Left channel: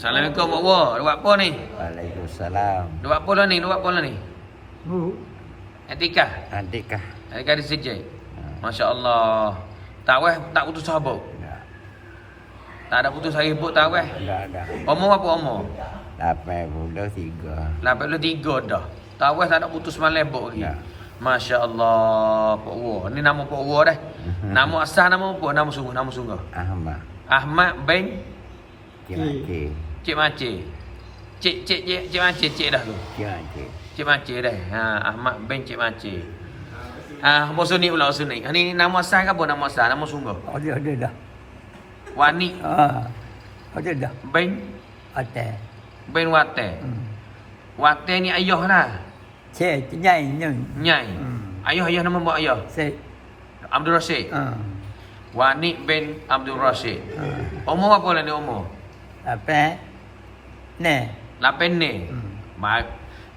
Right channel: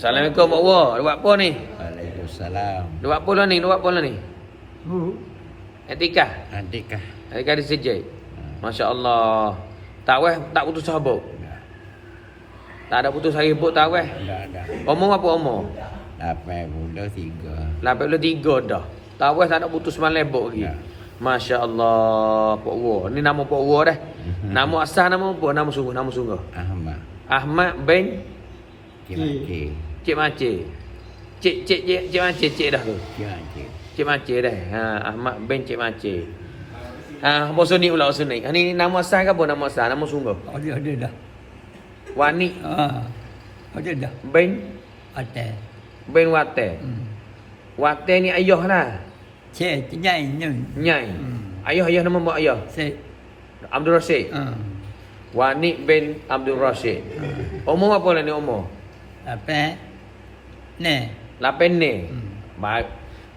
Assalamualaikum Pak. Dia buat apa ni? Waalaikumsalam. Dia buat apa lah ni? Dia buat apa lah ni? Bu. Etika. Adikah? Etika di sejai. Ha. Masya Allah. Tak weh, tak putus sahabat. Tak. Tak ada putus haribut tak weh. Tak ada. Umur apa umur? Lapan puluh tiga. 83 dah. Tak weh tak ada putus malam lebok lagi. Tak. Masya Allah. Pak Wo. Ni nama Pak Wo dah. Nama asal nama apa? Nama sungguh, nama sungguh. Ahmad. Ahmad bin Cik Cik Makcik. Cik Cik Cik Cik Makcik Cik dah tu. Cik Cik Makcik dah. Ha, Ahmad bin Cik Makcik. Ha, apa sunni pula sunni. Ha, ni nama asal ke apa nama asal? Nama sungguh. Ada ada dah. Wani Ha. Ada dah. bin Atas. bin Wate. Hmm. Wate ni ayah lah. Cek nyai nyai. Nyai. Hmm. Ayah ayah nama mak ayah. Set. Abdul Rashid. Ha. Wani bin Abdul Rashid. Ha. Umur apa lah ni umur? Apa? Ne. Lapan ni. Hmm. Baik.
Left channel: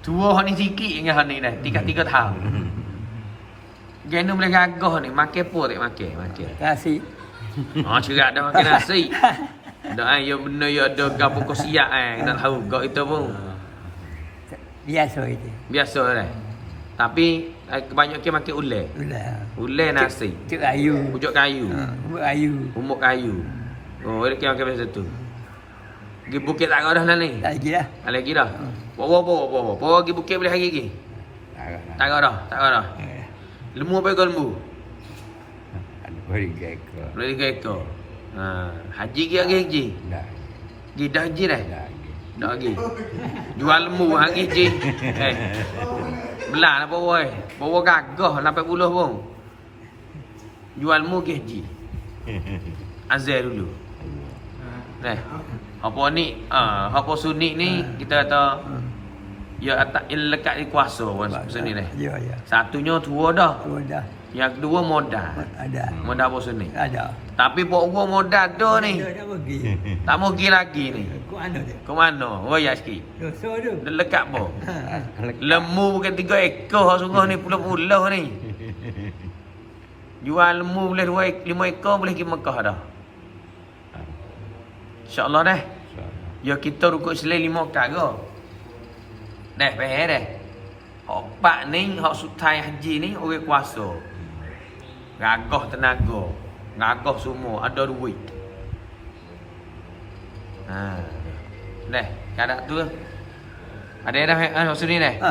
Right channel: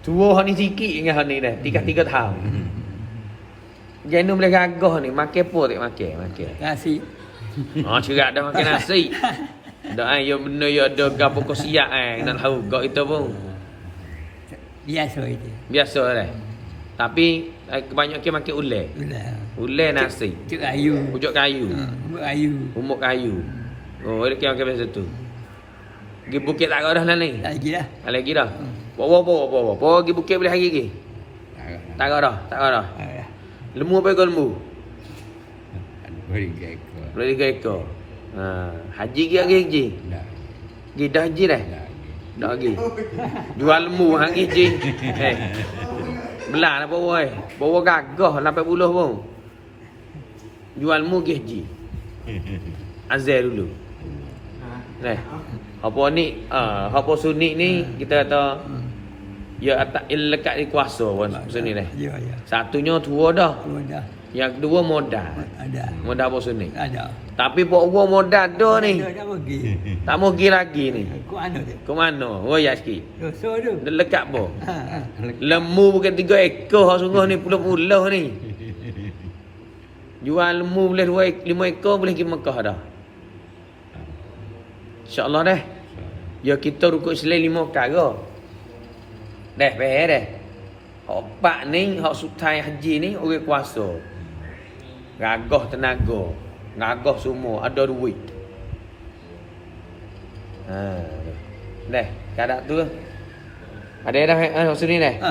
Tua ni sikit dengan hal ni dah. Tiga-tiga tahun. Hmm. Genu boleh gagah ni. Makan apa tak makan? Makan. Kasih. Oh, cerak dah makan nasi. Dah eh, ya benda ya ada gapo kau siap eh. Nak tahu gak itu pun. Biasa itu. Biasa dah. Tapi kebanyakan makan ulai. Ulah. Ulai nasi. Cek ayu. Pucuk kayu. Ha. Buat ayu. Umuk kayu. Oh, ada kira kira macam tu. Pergi bukit tak dah nak ni. Tak lagi dah. Tak lagi dah. Hmm. Bawa bawa bawa. Bawa pergi bukit boleh hari lagi. Tak Tak. dah. Tak dah. ada. Lembu apa kau lembu? Beri. Boleh tiga ekor. Ha, haji ke lagi haji? Tak. Pergi dah haji dah. Tak. Dah lagi. Jual lembu hang haji. Eh. Belah lah bawa eh. Bawa gagah 80 pun. Jual lembu ke haji. Azal dulu. Nah. Apa ni? Ah, apa sunni ni kita kata Ha. ya atak lekat di kuasa pun sunni dah. Ya ya. Satunya tua dah. Tu dah. Yang kedua modal. Ada. Modal apa sunni? Ada. Tapi pok gua modal ada ni. Dah pergi. Tak mau pergi lagi ni. Ku anu dia. Ke mana? Royak sikit. Dosa tu. Lekat apa? Ha. ha. Lembu bukan tiga ekor hak sungguh ni puluh-puluh ni. Jual lembu boleh dua lima ekor boleh pergi Mekah dah. InsyaAllah dah. Ya kita rukuk selain lima perkara. Dah, faham dah. Opak ni, hak sutai haji ni, orang kuasa. Gagah tenaga. Gagah semua. Ada duit. Ha. Dah, kadang tu. Ada dah, eh, maksud ni dah. Ha.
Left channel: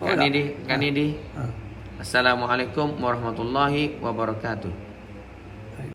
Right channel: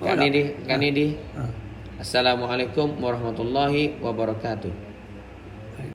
Kat ni di, kat ni di. Ha. Assalamualaikum warahmatullahi wabarakatuh.